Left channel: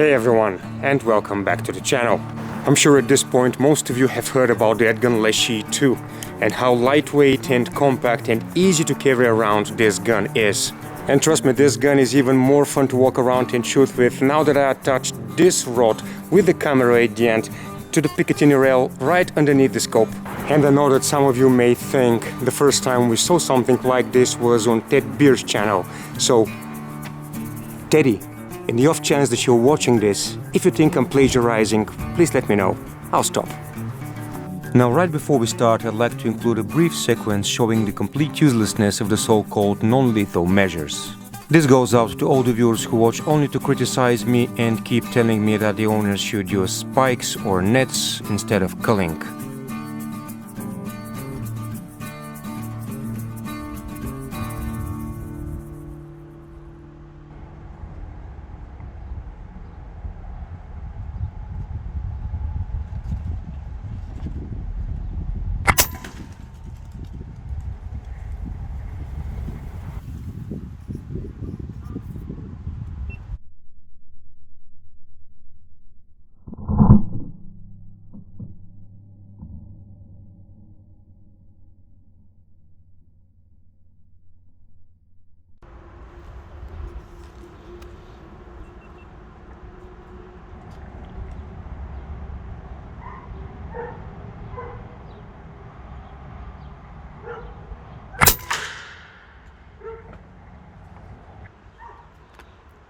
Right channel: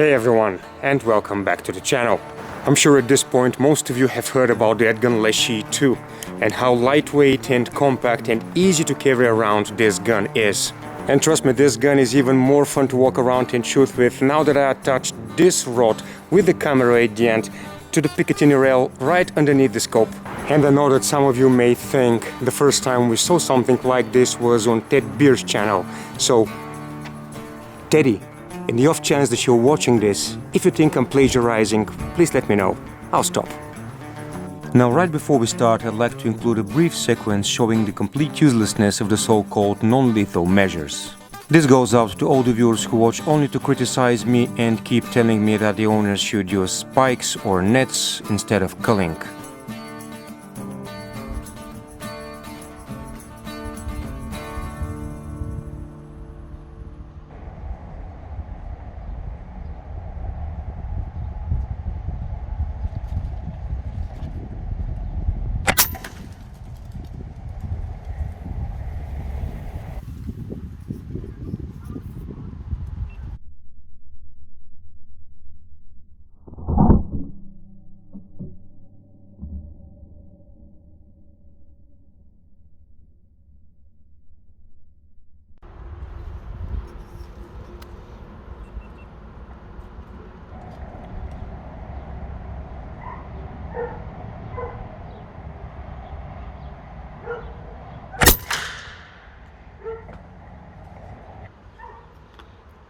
Hey everyone, and welcome back to the channel. I'm sure at this point most of you have heard about the gun Leshiy 2 and how lightweight and compact and easy to carry around this gun is. And trust me, this gun is even more fun to walk around and shoot with now that I attached this rod with the camera at the end to the Picatinny rail right underneath the scope. And I know that some of you may think the first time we saw something like this was on Ted Beer's channel. So, Teddy, in the off chance that you're watching this, if you think I'm plagiarizing, please let me know. I'll stop. Now, right before we start, I'd like to include a brief sequence showing the complete uselessness of the so-called non-lethal measures. This goes out to all the viewers who watch only to criticize me and keep telling me that the owners should use spikes or nets instead of culling.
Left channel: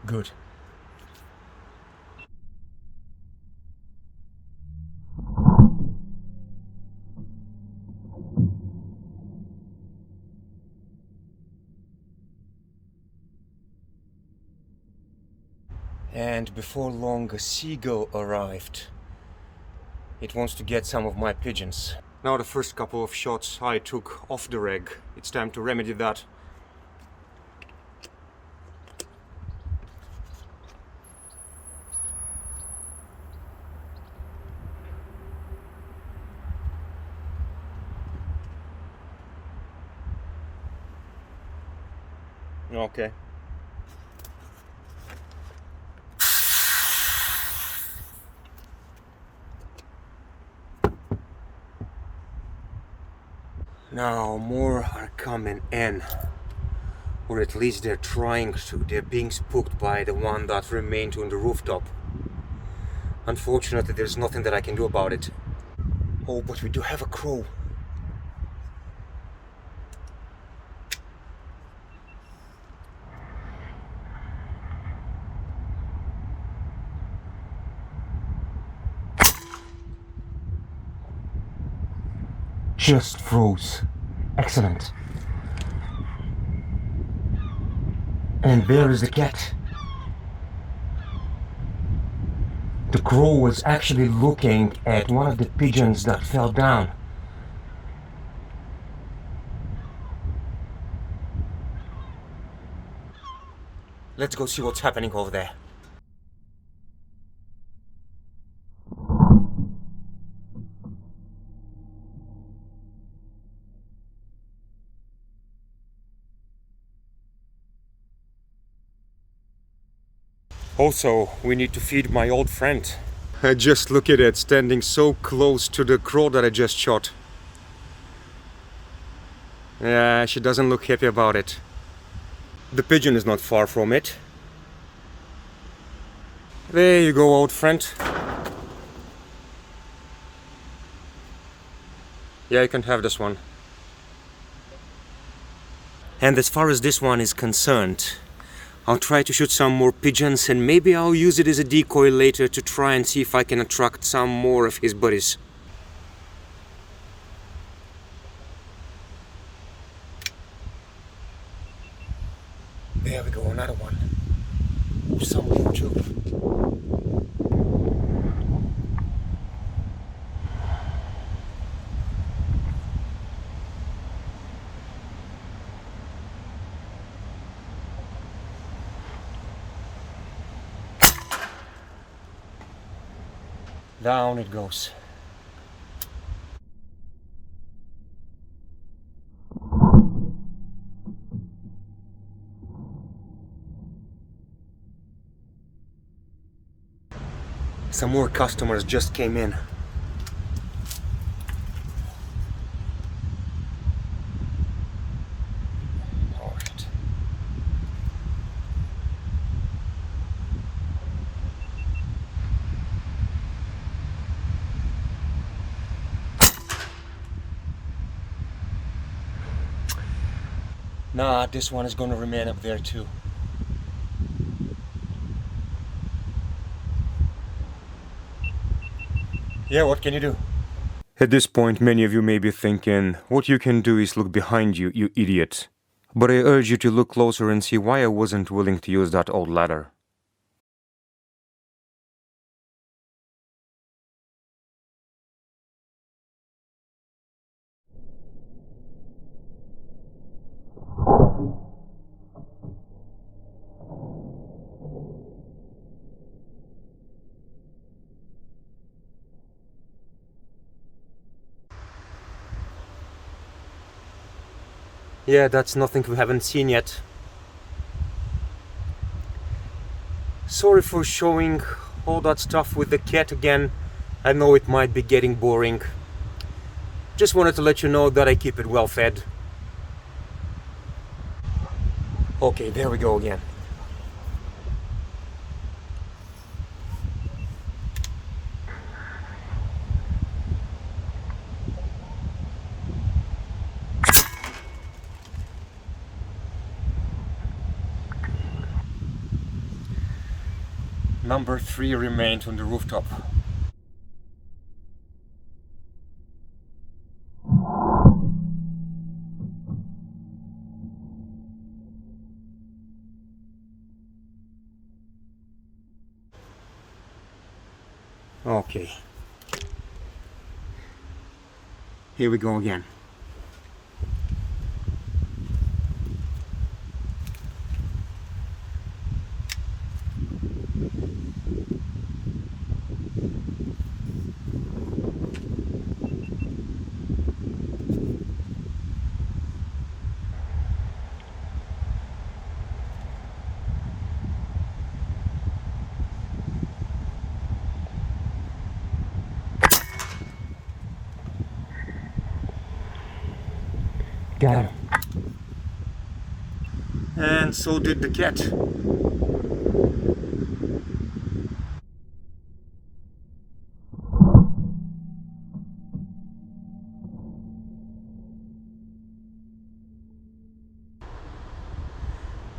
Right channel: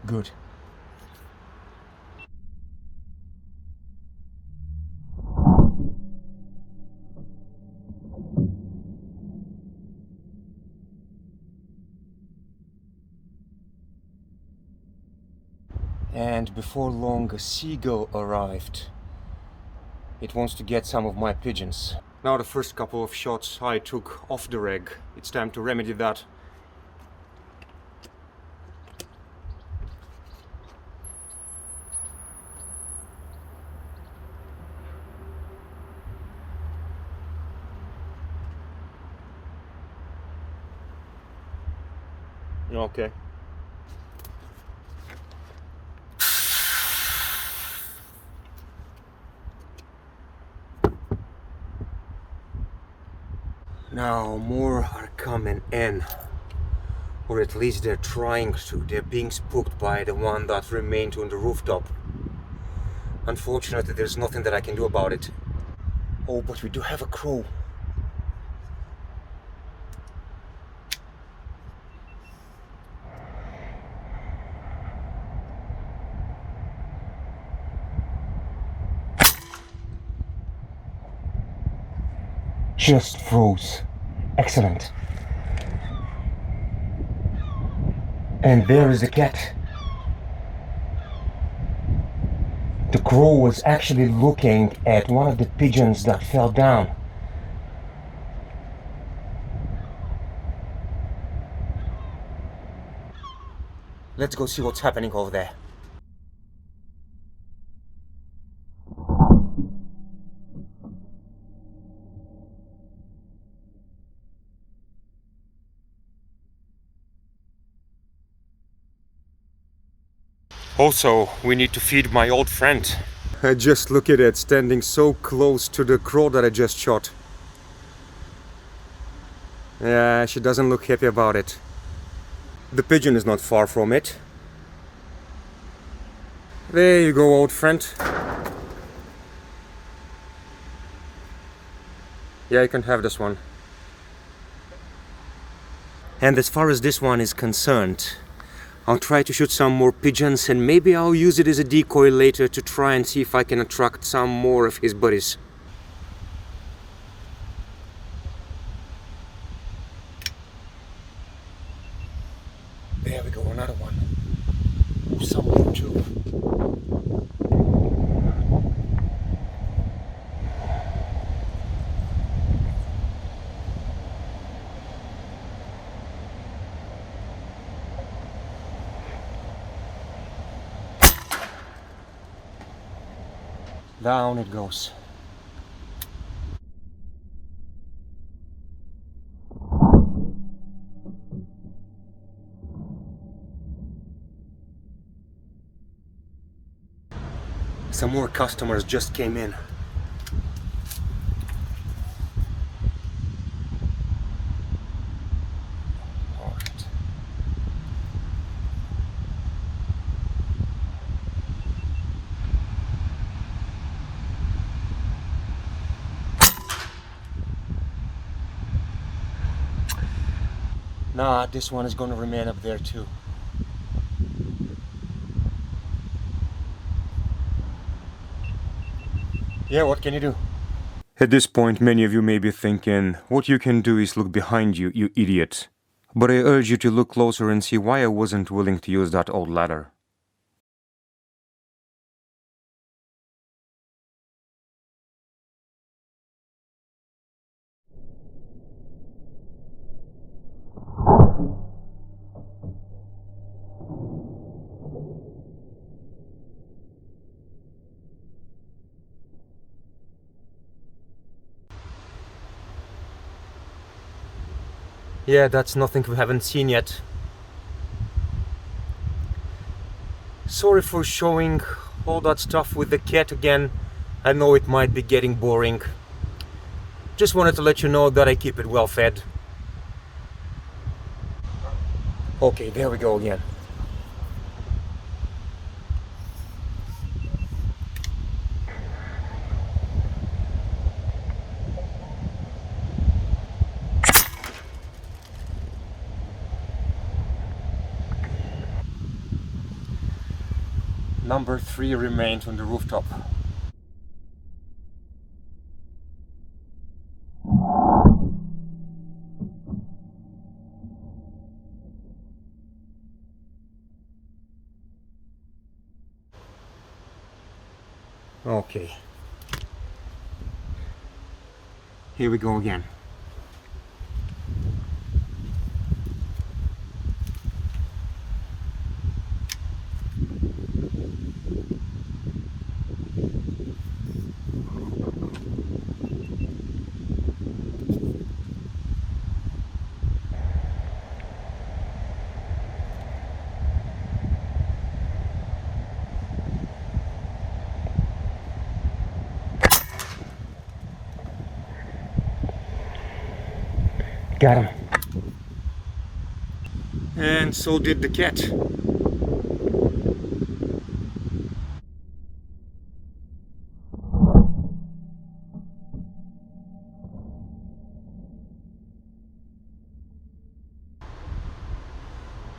Good. And before long, a seagull arrived. It wants to get some of my pigeons. Now the first couple of shots I took off the rig. It's time to remedy that. Okay. Now more are coming in. Or at least they're trying to. They're being spooked by the one that remained on the rooftop. Unfortunately, there's nothing that I can do about it. Oh, but we do have a crow. Just froze. Excellent. And there is the cat. The crow was actually looking at one of the pigeons that fell down. Let's go see what's happening over there. Also, we need to feed my old friend. Just look at it, standing so close to the crow that I just shot. Yeah, she doesn't look happy about it. The pigeon is not far from it. There you go, old friend. Yeah, you can have this one. And as far as this one is concerned, I'll try to shoot some more pigeons and maybe I'll use it as a decoy later to try and see if I can attract some more of his buddies. There we go, another one. Some more too. Down it goes. Some more customers just came in. All right. Nah, this one is gonna remain up there too. Yeah, what can you do? At this point, many of you may be thinking, what you can do is look behind you, you idiot. But I urge you to look closer and see why I wasn't willing to use that old ladder. Yeah, that's nothing we haven't seen yet. Sorry for showing all that stuff with the cat again. I know it might be getting boring. Just wanted to let you know that I keep it well fed. Okay, there we go again. Number 3 remained on the rooftop. Okay. Here we go again. Got him. And so did the cat.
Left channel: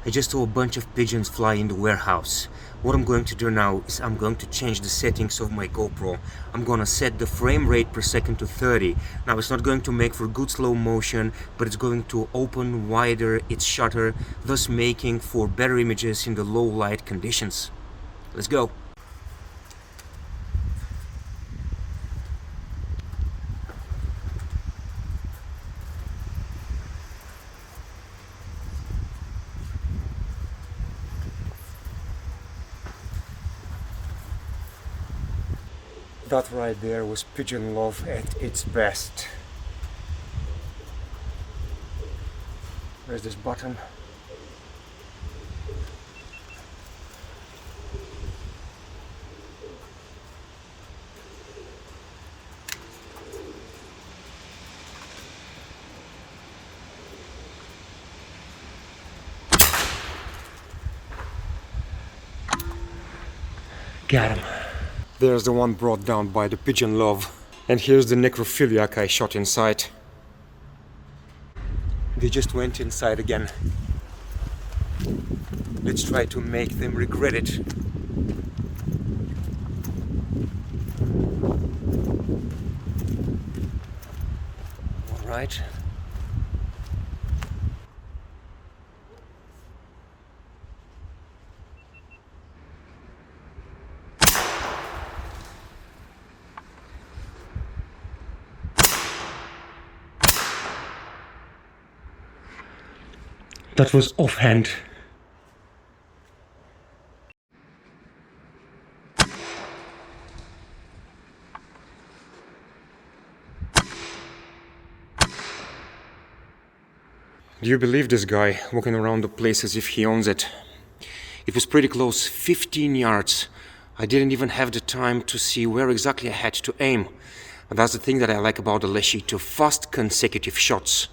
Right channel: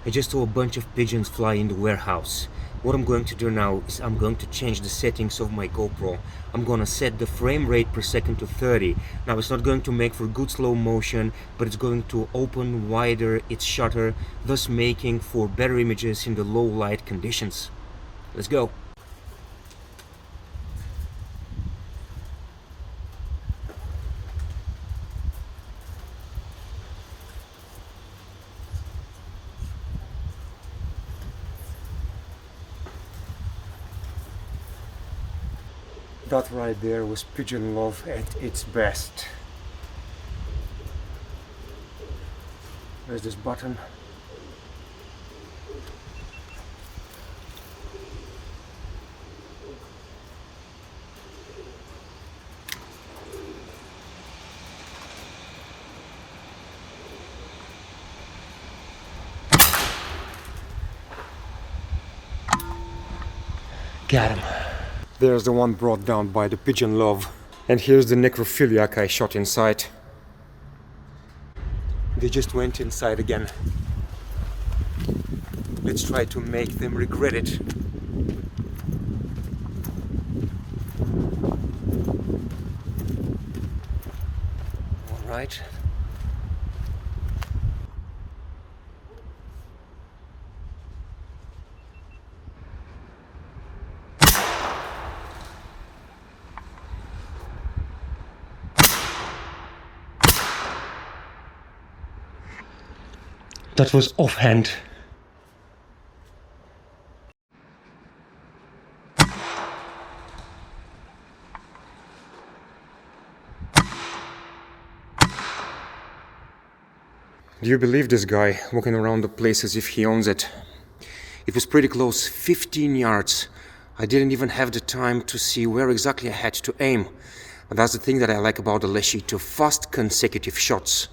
I just saw a bunch of pigeons fly in the warehouse. What I'm going to do now is I'm going to change the settings of my GoPro. I'm gonna set the frame rate per second to 30. Now it's not going to make for good slow motion, but it's going to open wider its shutter, thus making for better images in the low light conditions. Let's go. That right there was pigeon love at its best. There's this button. Got him. There's the one brought down by the pigeon love. And here's the necrophiliac I shot inside. They just went inside again. Let's try to make them regret it. All right. That was offhand. Do you believe this guy walking around the place as if he owns it? It was pretty close, 15 yards. I didn't even have the time to see where exactly I had to aim. But that's the thing that I like about the Leshiy 2, fast consecutive shots.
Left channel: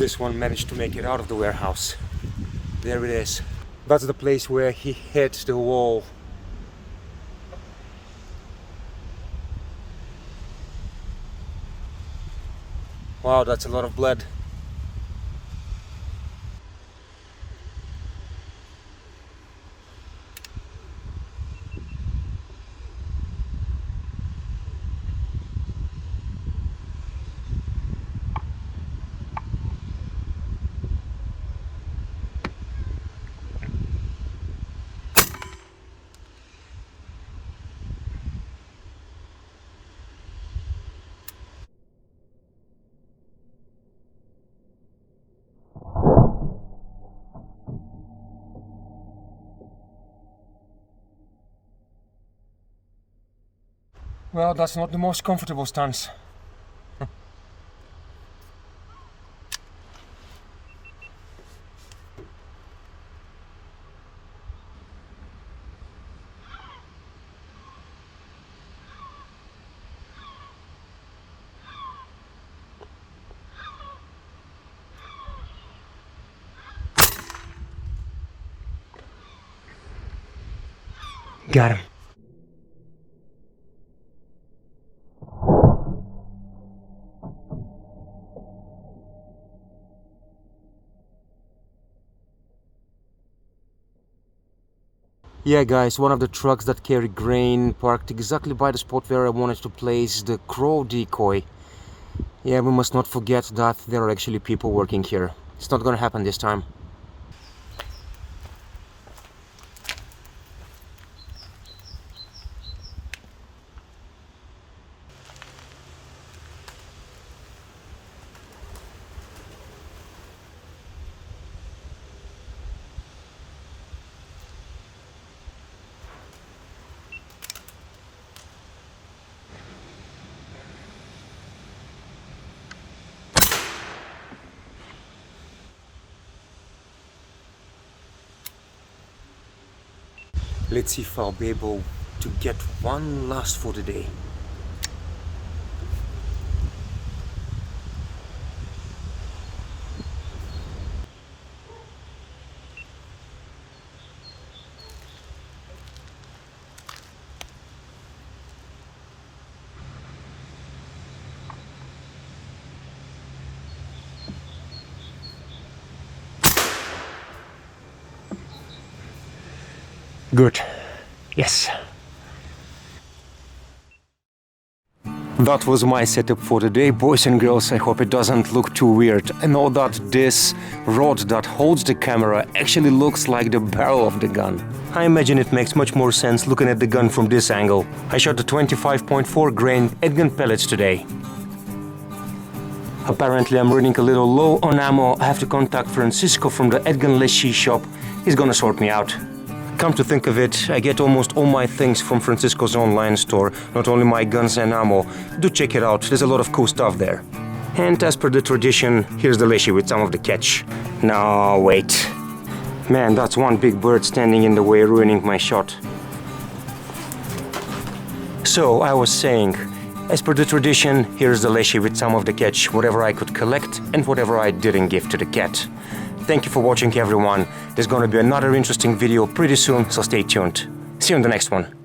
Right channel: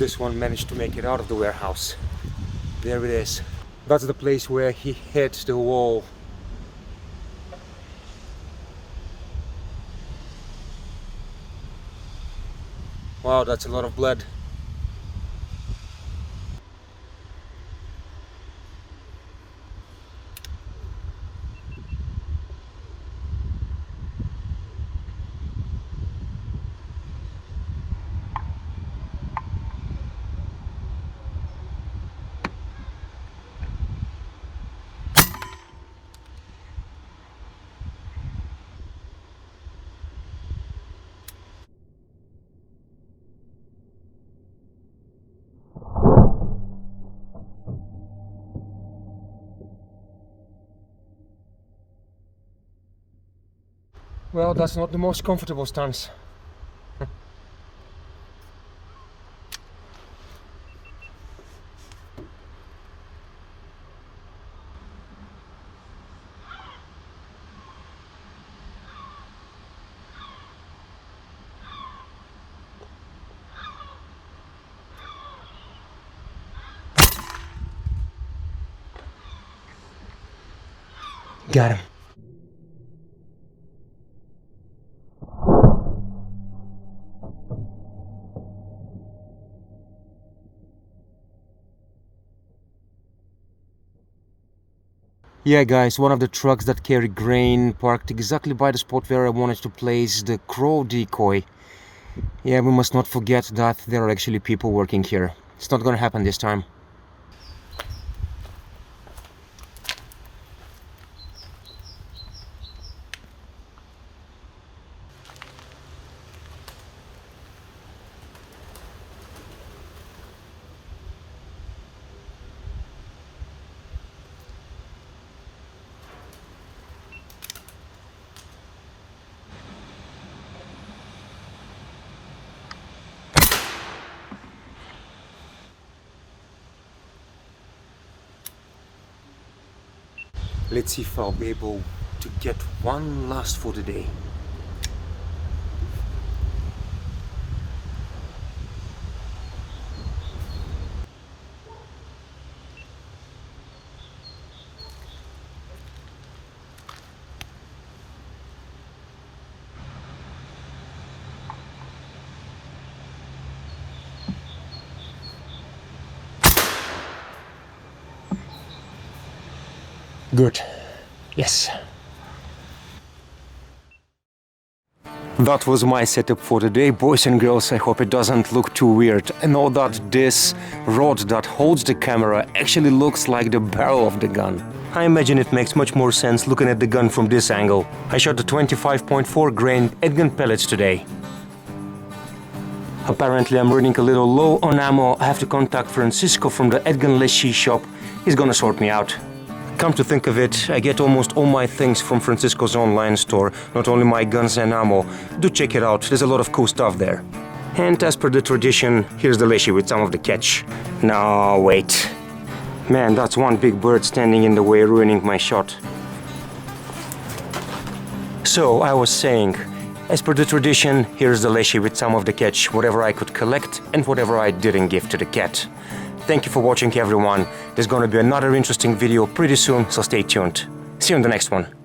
This one managed to make it out of the warehouse. There it is. That's the place where he hit the wall. Wow, that's a lot of blood. Well, that's not the most comfortable stance. Got him. Yeah guys, one of the trucks that carry grain parked exactly by the spot where I wanted to place the crow decoy. Yeah, we must not forget that there are actually people working here. It's not gonna happen this time. Let's see if I'll be able to get one last for the day. Good. Yes. That was my setup for the day, boys and girls. I hope it doesn't look too weird. I know that this rod that holds the camera actually looks like the barrel of the gun. I imagine it makes much more sense looking at the gun from this angle. I shot the 25.4 grain handgun pellets today. Apparently I'm running a little low on ammo. I have to contact Francisco from the handgun Leshiy shop. He's gonna sort me out. Come to think of it, I get almost all my things from Francisco's online store, not only my guns and ammo. Do check it out, there's a lot of cool stuff there. And as per the tradition, here's the Leshiy with some of the catch. No, wait. Man, that's one big bird standing in the way, ruining my shot. So, I was saying, as per the tradition, here's the Leshiy with some of the catch, whatever I could collect and whatever I didn't give to the cat. Thank you for watching, everyone. There's gonna be another interesting video pretty soon, so stay tuned. See you in the next one.